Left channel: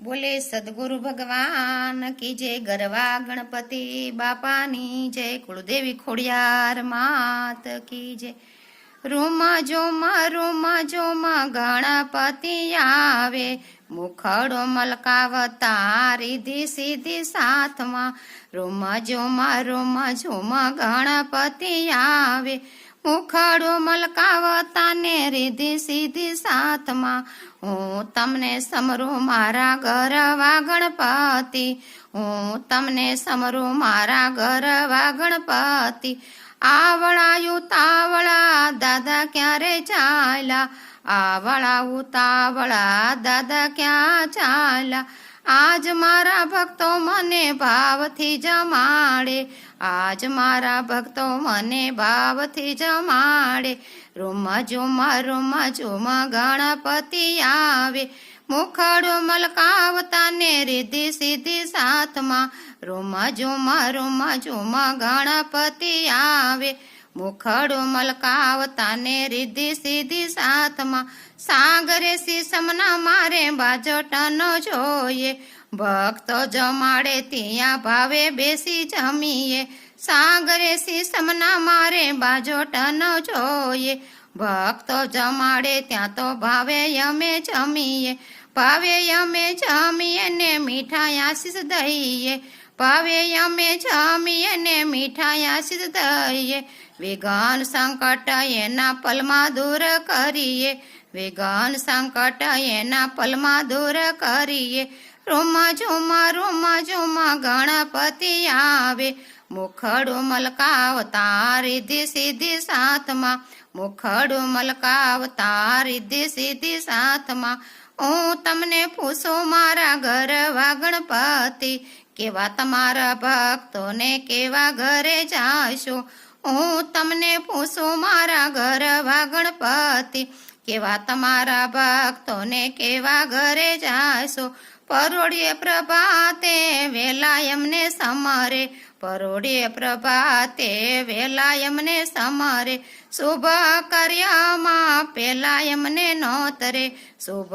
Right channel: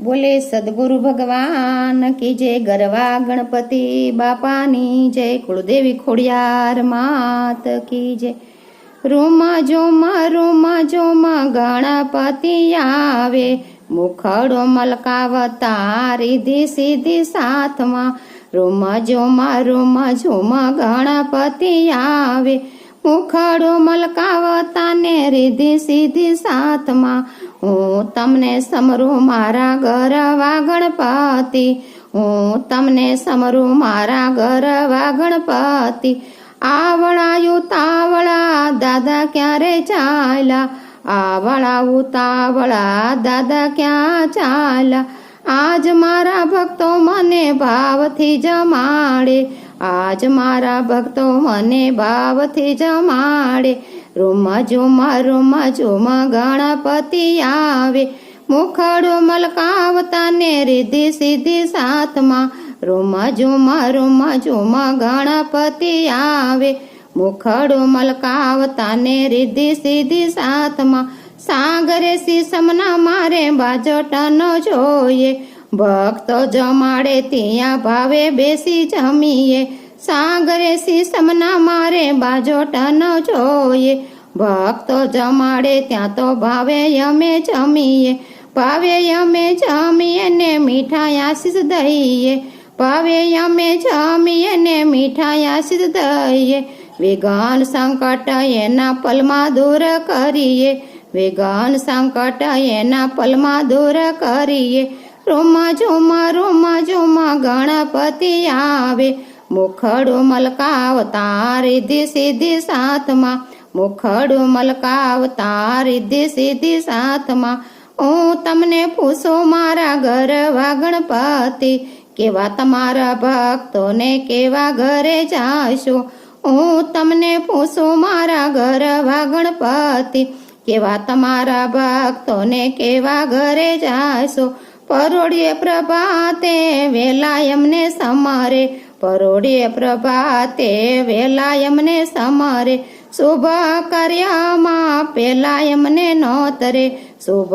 बोले सदगुरु भगवान की जय, गरवा गणपति बापानी जय, कुलदेवी खोड़ियार मात की जय। रूमा जोमा गणपति आवे, मुखड़ो मलकावता रिधि सीधी साथ में। रूमा जोमा गणपति आवे, मुखड़ो मलकावता ने रिधि सीधी साथ में। हूँ तमने समरू मारा गरवा गणपति, हूँ तमने समरू मारा गरवा गणपति। आवड़ा उतावड़ा दादा क्यारे चाला, आवड़ा उतावड़ा दादा क्या चाला। आज मारा भक्तो मने भावथी जमाड़े, आज मारा भक्तो मने भावथी जमाड़े। रूमा जोमा गणपति आवे, मुखड़ो मलकावता ने रिधि सीधी साथ में। रूमा जोमा गणपति आवे, मुखड़ो मलकावता ने रिधि सीधी साथ में। सागरे सीसमना मारे बाजोटनो जोये, भक्तो जमाड़े तिया भावे बेसी जमीए। सागरे सीसमना मारे बाजोटनो जोये, भक्तो जमाड़े त्या तो भावे यमे जमीए। भावे यमे जमीए ने मीठाई आशीष दईए, भावे यमे जमीए ने मीठाई आशीष दईए। विघ्न संकट एना पलमा दूर करिए, विघ्न संकट एना पलमा दूर करिए। रूमा जोमा गणपति आवे, मुखड़ो मलकावता रिधि सीधी साथ में। मुखड़ो मलकावता रिधि सीधी साथ में। हूँ तमने पूछो मारा गरवा गणपति, केवा तमारा भक्तों ने केवा घरे जाशो। हूँ तमने पूछो मारा गरवा गणपति, केवा तमारा भक्तों ने केवा घरे जाशो। परोड़िये प्रभाते वेला यमने समरे, परोड़िये प्रभाते वेला यमने समरे। शुभ कार्य मां पेला यमने नोतरे, शुभ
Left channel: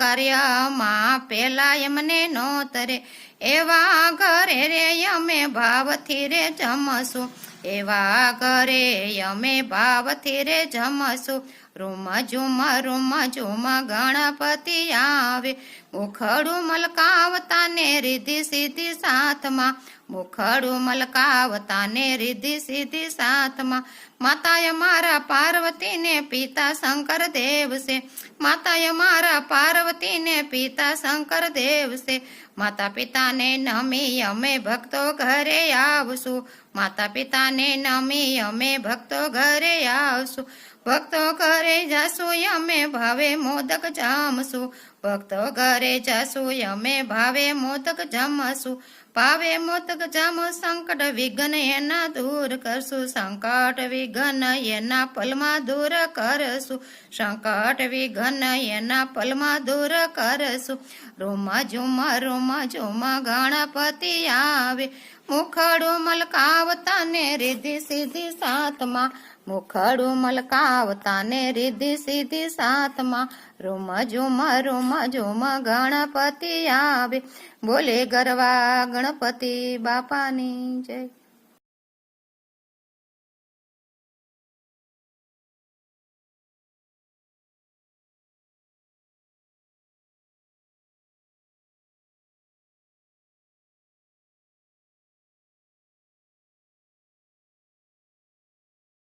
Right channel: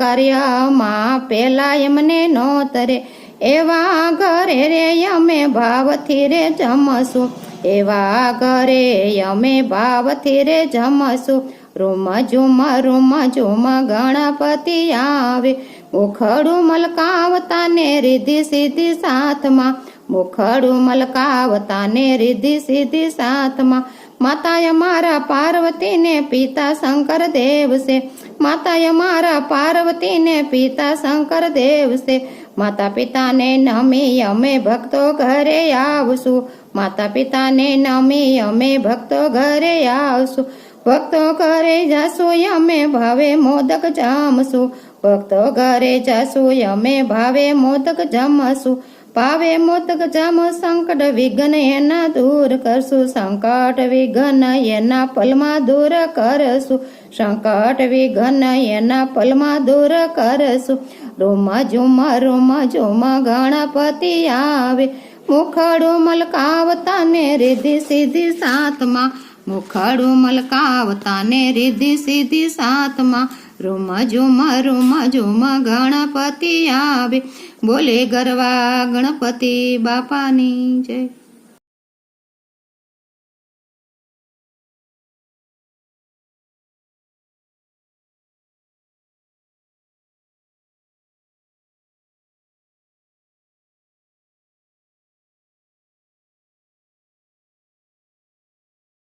कार्य मां पेला यमने नोतरे। एवा घरे रे यमे भावथी रे जमसु, एवा घरे यमे भावथी रे जमसु। रूमा जोमा गणपति आवे, मुखड़ो मलकावता ने रिधि सीधी साथ में। मुखड़ो मलकावता ने रिधि सीधी साथ में। माता यमारा पार्वती ने पिता शंकर देव से, माता यमारा पार्वती ने पिता शंकर देव से। माता पिता ने नमी अमे भक्तो घरे आवसु, माता पिता ने नमी अमे भक्तो घरे आवसु। भक्तो घरे जासु यमे भावे मोदक जमसु, भक्तो घरे जासु यमे भावे मोदक जमसु। भावे मोदक जमो संकट विघ्न एना दूर करसु, संकट विघ्न एना पलमा दूर करसु, संकट विघ्न एना पलमा दूर करसु। रूमा जोमा गणपति आवे, मुखड़ो मलकावता ने रिधि सीधी साथ में। मुखड़ो मलकावता ने रिधि सीधी साथ में। रूमा जोमा गणपति आवे, बोले गरवा गणपति बापानी जय।